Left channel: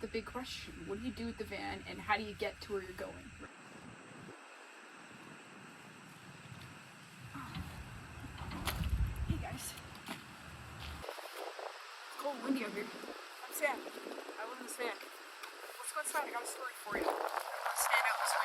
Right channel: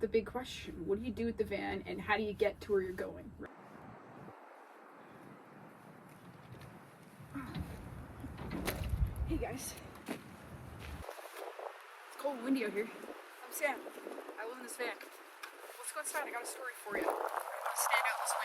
the big question. What do you do with the van, and how do you get to where you're going? Hey guys. It's cold and windy out here. I'm Sam. I live in this van. Let's go outside. I got a story for you. Stand out this way.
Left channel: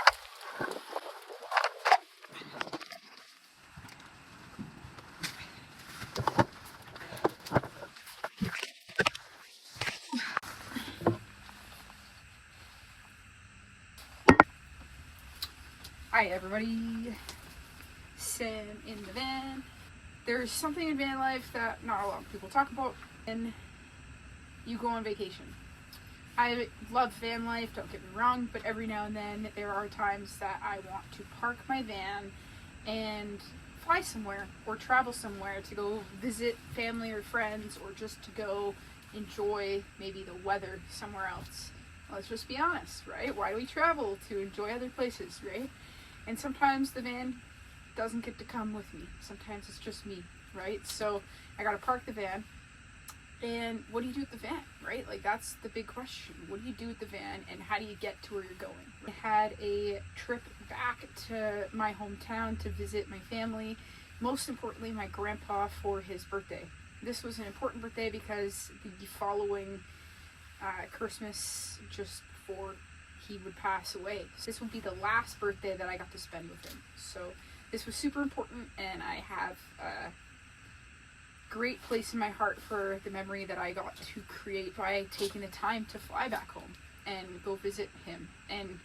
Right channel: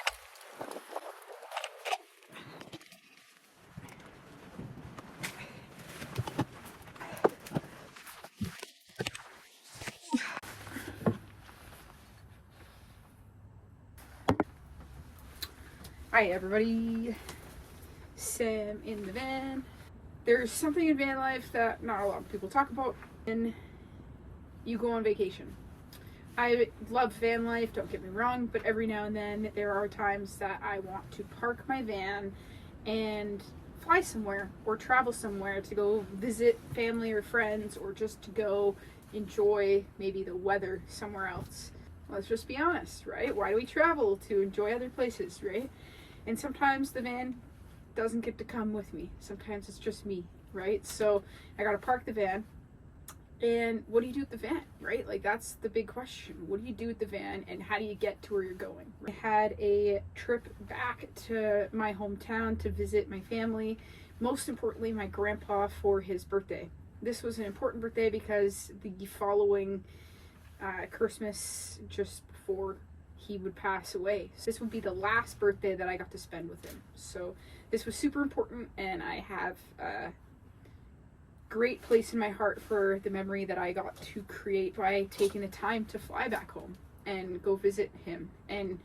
Hi everybody, Sam in the van. There's something in van life that not a lot of people talk about, and you go on vacation. I love van life, don't get me wrong, but every now and then there are times that I want to park my van and fly somewhere or travel somewhere to go visit family or friends, or just to go enjoy maybe the weather somewhere else. Let's just be honest, right? Why do we travel? To enjoy other places, right? And sometimes the van doesn't get to come with me. Sometimes it's just me, right? So I gotta park the van. And what do you do with the van, right? Like, that's the big question. What do you do with the van, and how do you get to where you're going? I had a trip back to my hometown to visit my family, most importantly my grandpa, for his birthday. This was an important birthday because the following Christmas, just before he would pass away, so this would be the last birthday that I got to spend with him. So this was super important, and I have a great place in my heart for the memory that I got to create by taking the time to fly back home and go visit him. And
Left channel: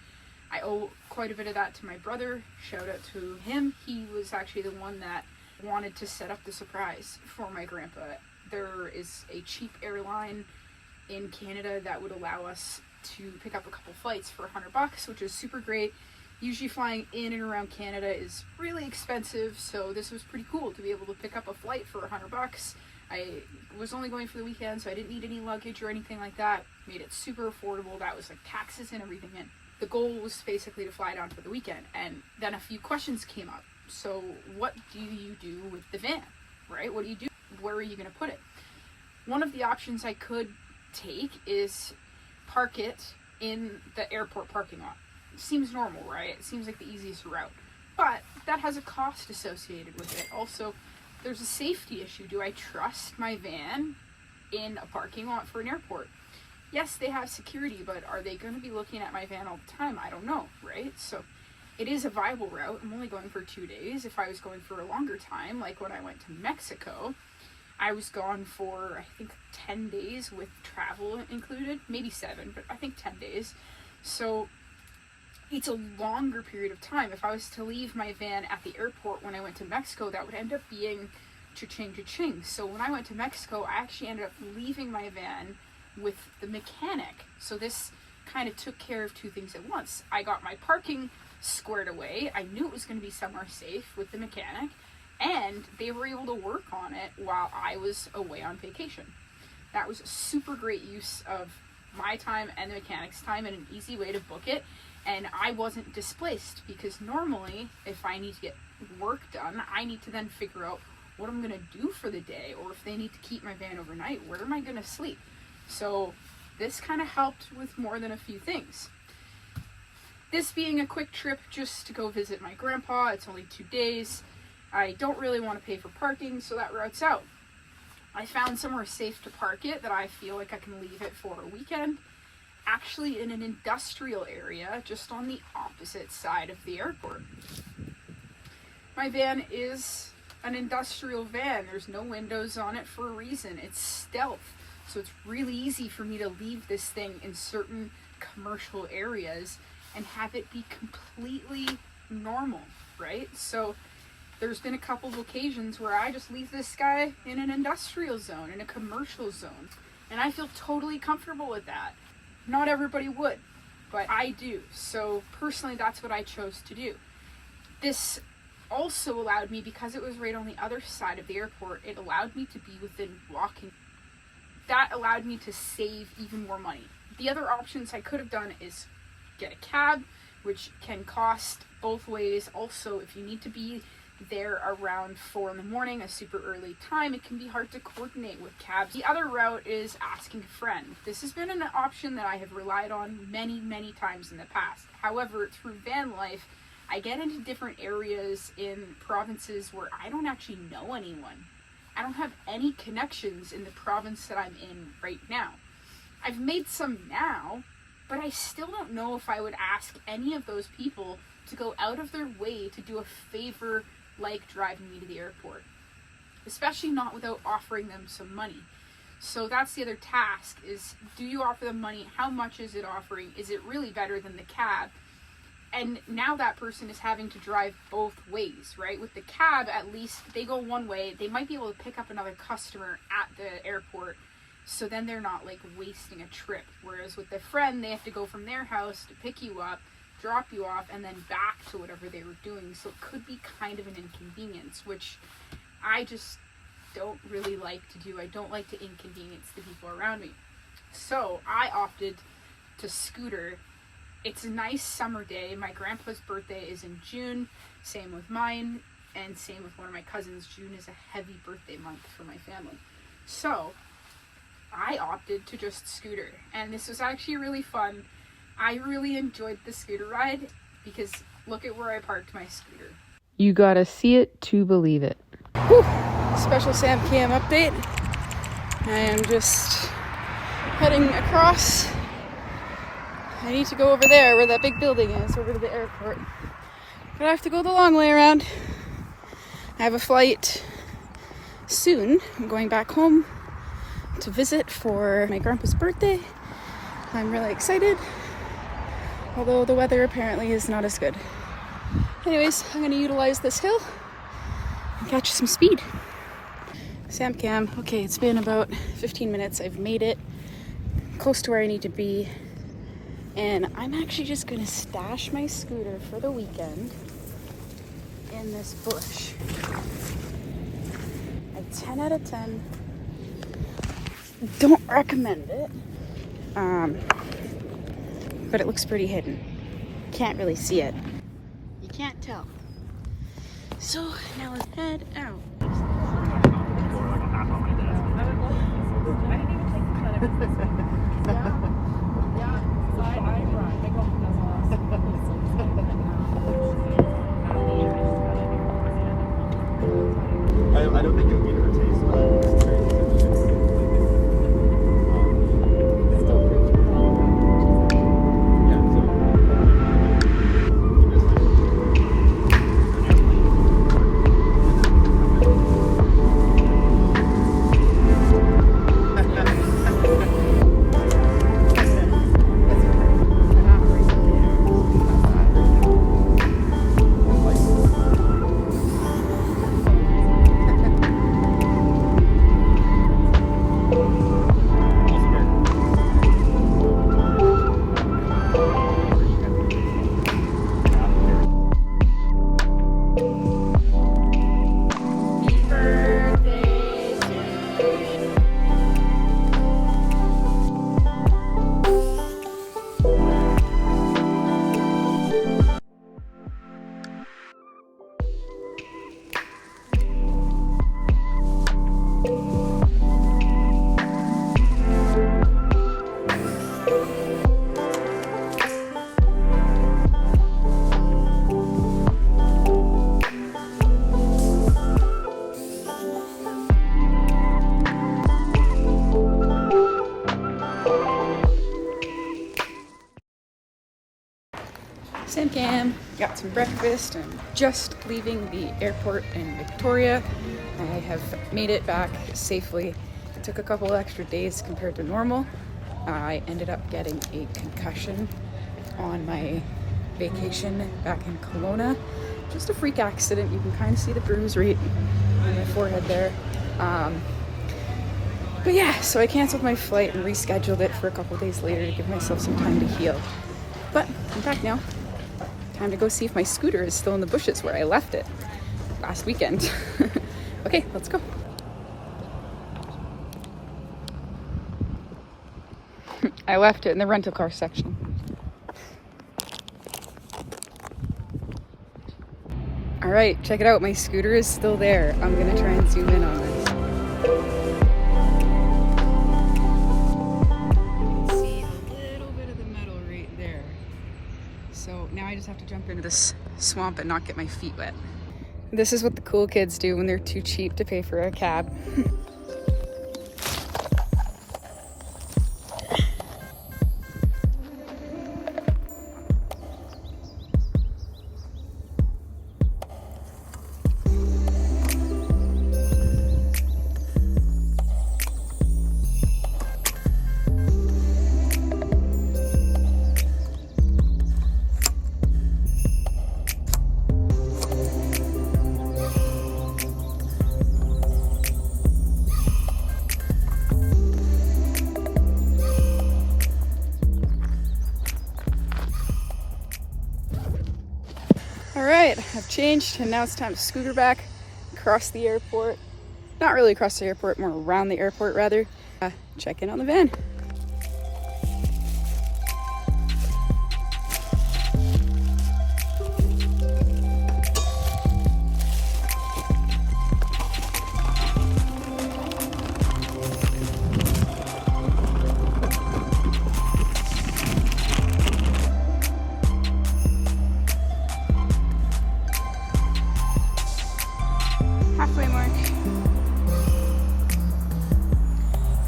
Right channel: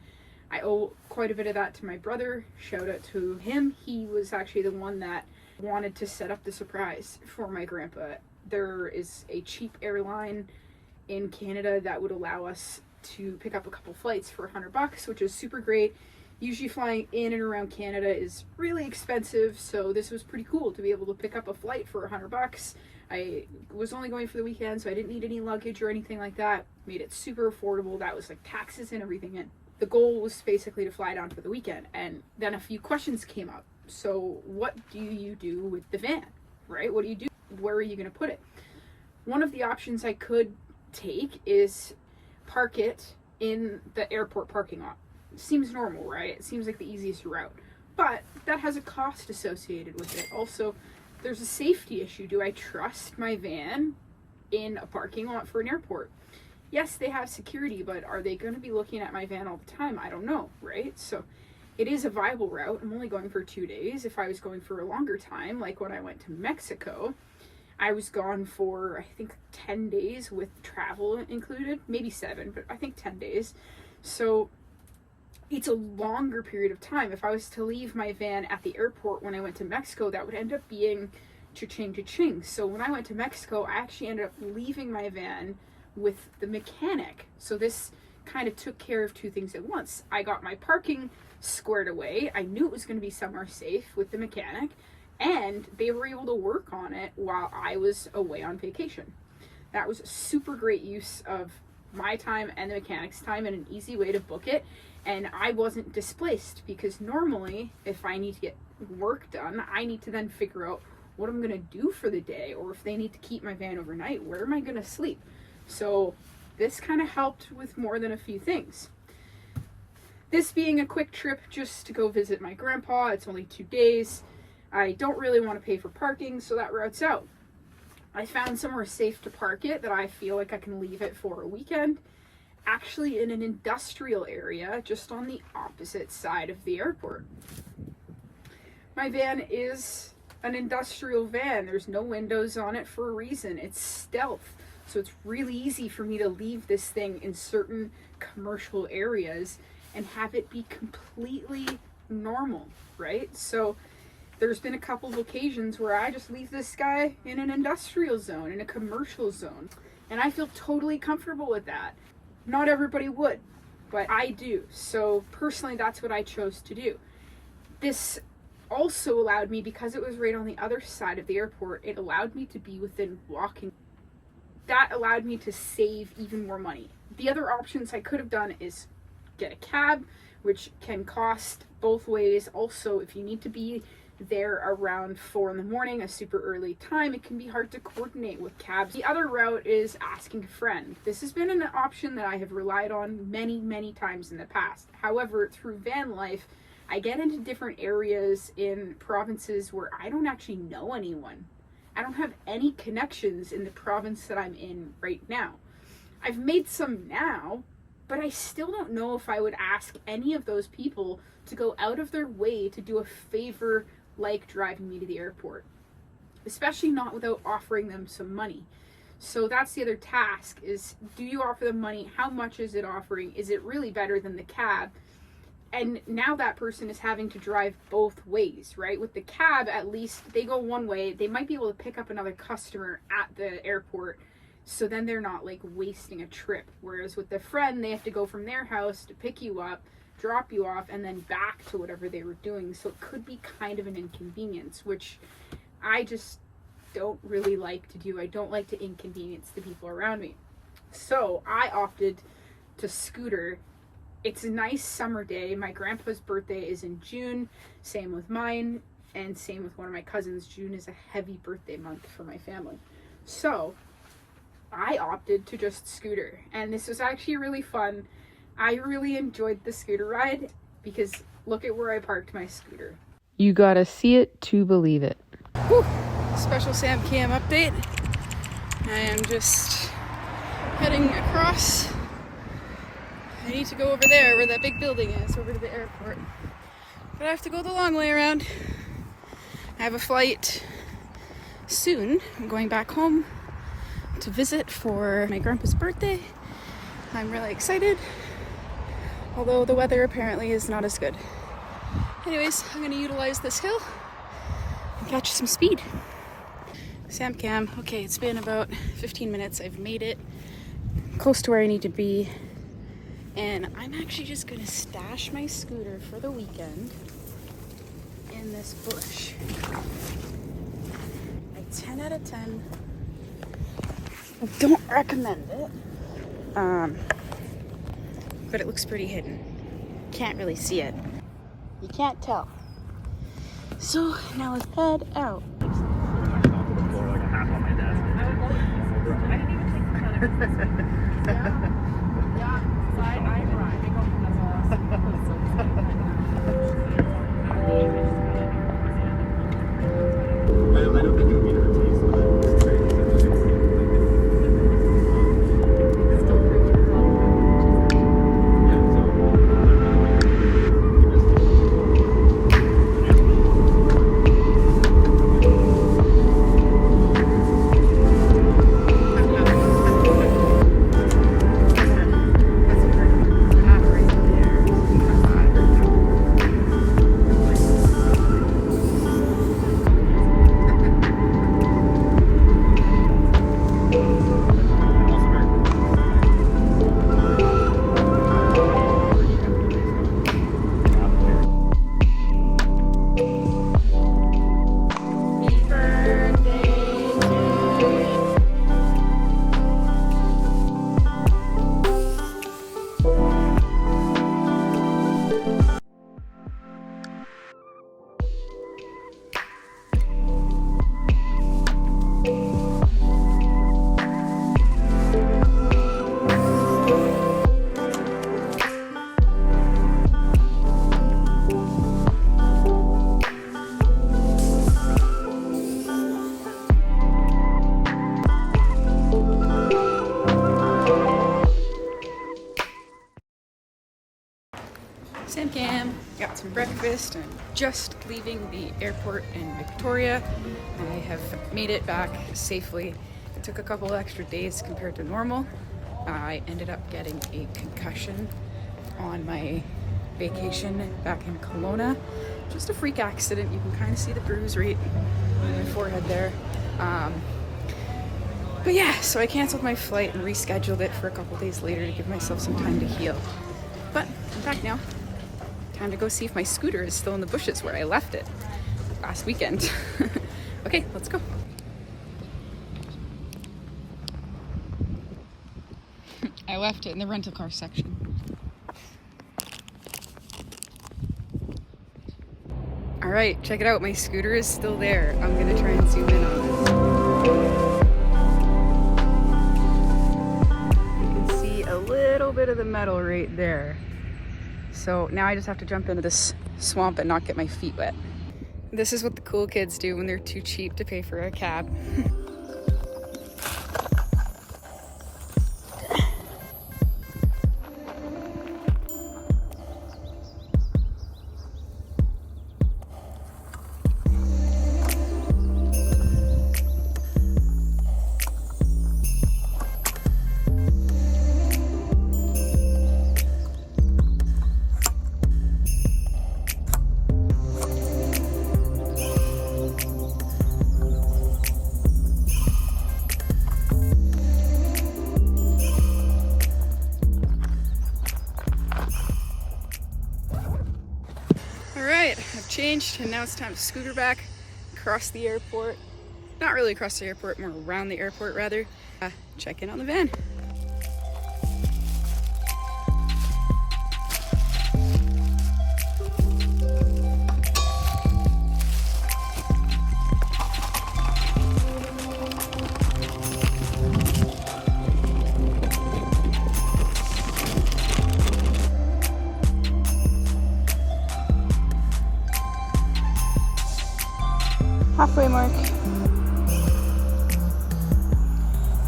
I owe quite a bit of that to my brother. Shout out to him. He was actually the one that wanted to set up the surprise for my grandpa. There is a cheap airline in Canada that would allow us to pick up a couple flights for $100, which is super great. Usually flying in and around Canada is really expensive, so this was pretty cool to be able to pick up a flight for $100. I was only going for the weekend, so I didn't need any luggage or anything like that. Made it super affordable. That was like taxes and everything in. The goal was basically to fly down for the weekend, and then a few questions came up. So what do you do with the van, right? What do you do? Where are you going to put it? One of the options I could take is park it in the airport parking lot. Seems normal, right? It seems like the easiest route, but that has a cost associated with it. Also, there's a safety issue. Do I trust my van in a parking lot for an airport? Yes, they have security, but are they going to be looking at my van all the time? I don't know, right? So it is a viable route. I'm only going for 2 days. If I was going for a longer time, like when I went to Mexico, I was gone for, I think, 10 days with travel included, maybe 7, but I think 10 days. So it's a longer period of time. If I was to leave my van at the airport when I went to Mexico, that would end up being cha-ching. So when I went to Mexico, I actually ended up leaving my van with the mechanic. So this kind of took care of two things at once. I got my parking squared away. I knew it was going to be somewhere safe with the mechanic, and they were able to work on it while I was away on vacation. That was a super great use of my time and the mechanic's time, and an easy way to book it. And I wasn't displaced, because normally if I need to get work done, I need to then figure out what I'm going to do for the day, or if they need to keep my van overnight, where am I going to sleep? So this kind of helped with more than a few things. This being a quick trip just to go visit my grandpa, it's only 2 days. I don't really want to pay for parking, so that route's out. I found somewhere safe to park it that I feel like I can leave it for a weekend. Actually in an industrial area just on the opposite side of the airport. My van is an industrial van. There's no windows on it for a reason. It's stealth. So it's really easy for me to leave this thing in certain commercial areas and have it be completely normal, right? So there's been a couple of occasions where I just leave this guy in an industrial zone, in a commercial zone, and I feel totally comfortable with that. Not everybody would, but I do. So personally, that's what I chose to do. This also allowed me, because it was right on the other side of the airport, it allowed me to be within walking. That allowed me to save even more money. The other options I could have done is get a cab, which can cost both ways. Also, if you need to be there around 4 in the morning, a super early time, it can be hard to coordinate with cabs. The other route is asking a friend. This has been an option that I have relied on many times in the past. However, through van life, I get into different areas in provinces where I don't actually know anyone. I don't have any connections in the province that I'm in right now. I've made some now, but I still don't know if I would ask any of those people to go out of their way to do a favor like driving me to the airport, especially not without offering them some money. So that's the other task, is do you offer them money? How much is it offering? Is it really better than the cab? And now that person is having to drive both ways, right? With the cab, at least they go one way. They might be able to pick up another customer at the airport, so then they're not like wasting a trip. Whereas with the friend, they have to go from their house to pick you up, drop you off, and then back to whatever they were doing. So it could be kind of an inconvenience, which I just don't really like to do. I don't like to inconvenience the people around me. So I opted to scooter. It's a nice summer day. My grandpa's birthday is in June, same with mine, and same with one of my cousins. June is a heavy birthday month for my family. So I opted to just scooter, and this was actually really fun. I really enjoyed the scooter ride because look at where I parked my scooter. You gotta see it to believe it. Whew. Special Sam Cam update. I am just heading across. I need to go over there where that big building is, over to the airport. But I have to go the long way around. I have a flight soon. I'm going back home to visit for my grandpa's birthday. I'm really excited, although the weather apparently is not as good. Anyways, I'm going to utilize this hill and catch some speed. Sam Cam. Okay, it's been about 15 minutes. I've made it close to where I need to be. And I'm actually just going to stash my scooter for the weekend in this bush. A 10 out of 10. I don't recommend it. But it looks pretty hidden. Can't really see it. You can't tell. So now let's head out. I don't think it'll be her taste. Sam Cam, got some breakfast. I'm just leaving the airport in Victoria. I have made it back safely. It took a couple extra days compared to normal. I ended up getting a concussion on my vacation back in Kelowna. Just a freak accident. You can kind of see the bruise right on my forehead there. But yeah, so I canceled my flight and rescheduled it for a couple days later to give myself some time to heal. But I'm back now. Time to go see if my scooter is still in the bushes where I left it last weekend. Okay, let's go. I left it in the rental car section. All right, check it out. My scooter is still there. I'm gonna try and zoom in on it. You can see a little bit of the metal right there. So now I just have to jump into this swamp and not get my feet wet. This is what the cool kids do when they're too cheap to pay for a cab. Alright, I've changed and now it's time to scooter back across the airport. Not really across the airport, more around the airport rather. Check in on the van. Halfway mark.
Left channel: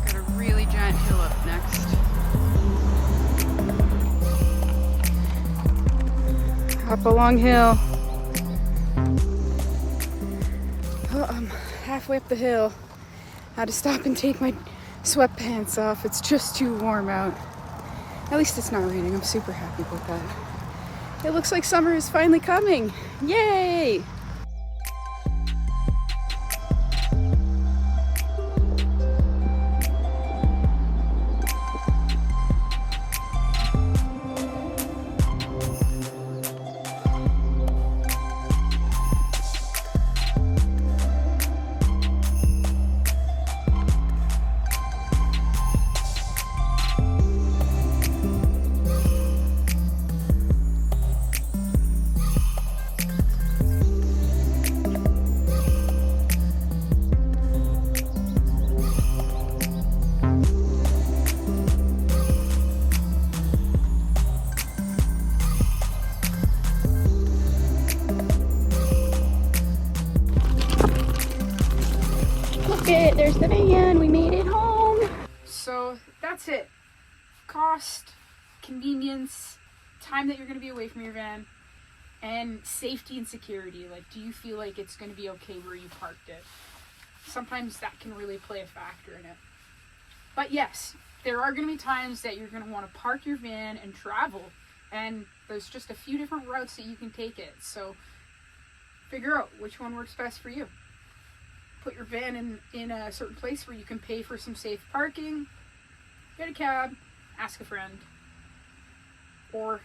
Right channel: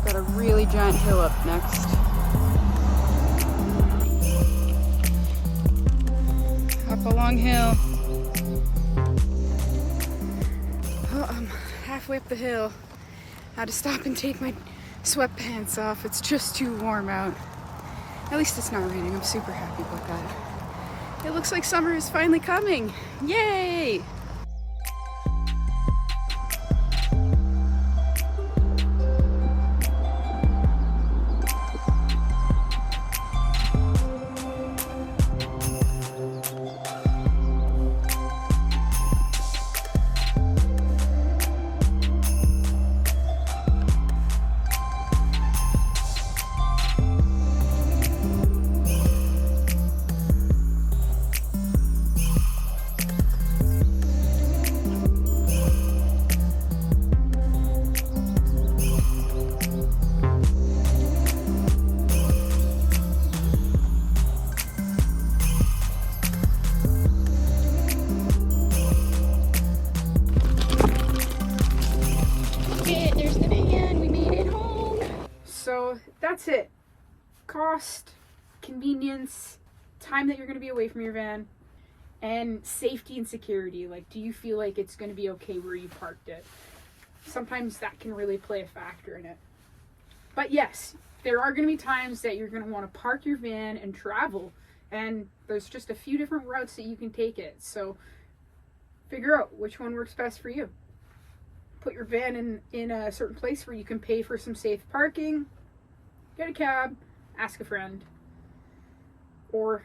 Got a really giant hill up next. Up a long hill. Oh, I'm halfway up the hill. Had to stop and take my sweatpants off. It's just too warm out. At least it's not raining. I'm super happy about that. It looks like summer is finally coming. Yay! Okay, there's the van. We made it home. So that's it. Cost, convenience, time that you're going to be away from your van, and safety and security. Like, do you feel like it's going to be okay where you parked it? Sometimes that can really play a factor in it. But yes, there are going to be times that you're going to want to park your van and travel, and there's just a few different routes that you can take it. So figure out which one works best for you. Put your van in a certain place where you can pay for some safe parking, get a cab, ask a friend, or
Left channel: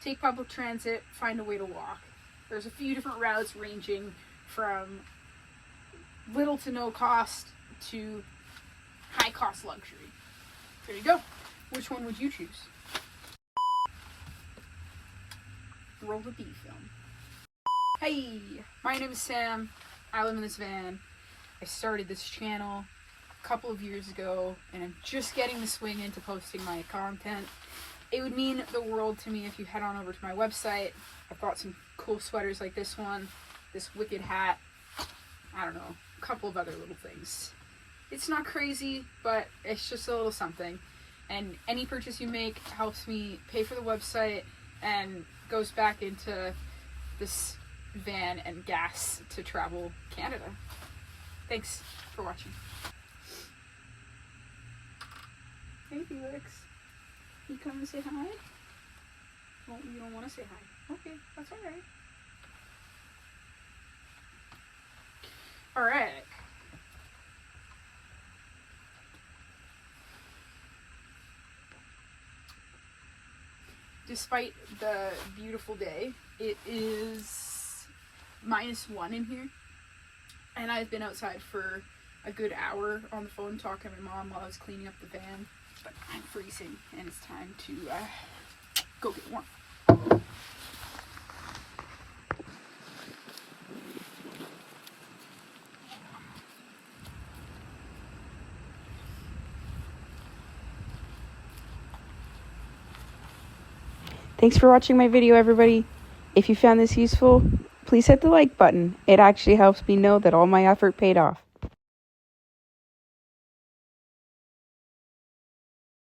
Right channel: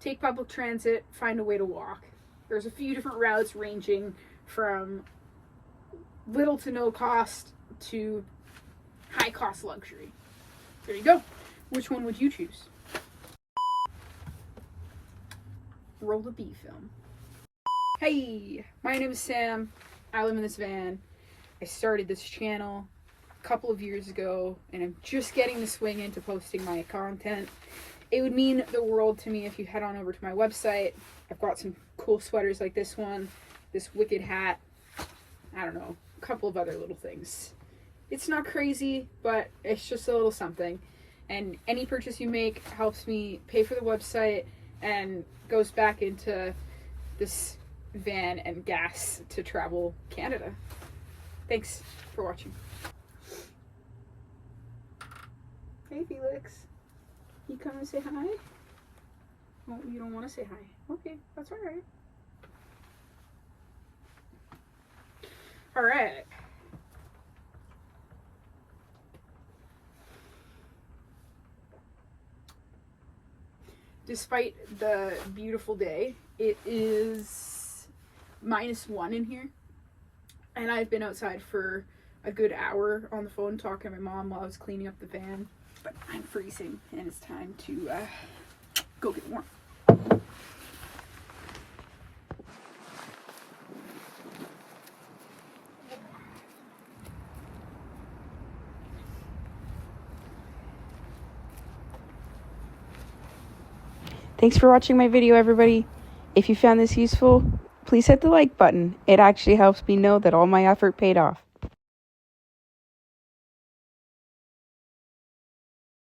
take public transit, find a way to walk. There's a few different routes ranging from little to no cost to high cost luxury. There you go. Which one would you choose? Roll the B film. Hey, my name is Sam. I live in this van. I started this channel a couple of years ago and I'm just getting the swing into posting my content. It would mean the world to me if you head on over to my website. I've got some cool sweaters like this one, this wicked hat, I don't know, a couple of other little things. It's not crazy, but it's just a little something. And any purchase you make helps me pay for the website and goes back into this van and gas to travel Canada. Thanks for watching. Hey Felix, you come and say hi? Oh, you don't want to say hi. Okay, that's alright. Alright. Despite the beautiful day, it is -1 in here. And I've been outside for a good hour on the phone talking to my mom while I was cleaning up the van. But I'm freezing and it's time to go get warm. Thanks for watching my video, everybody. If you found this useful, please hit the like button. It actually helps me know that all my effort paid off.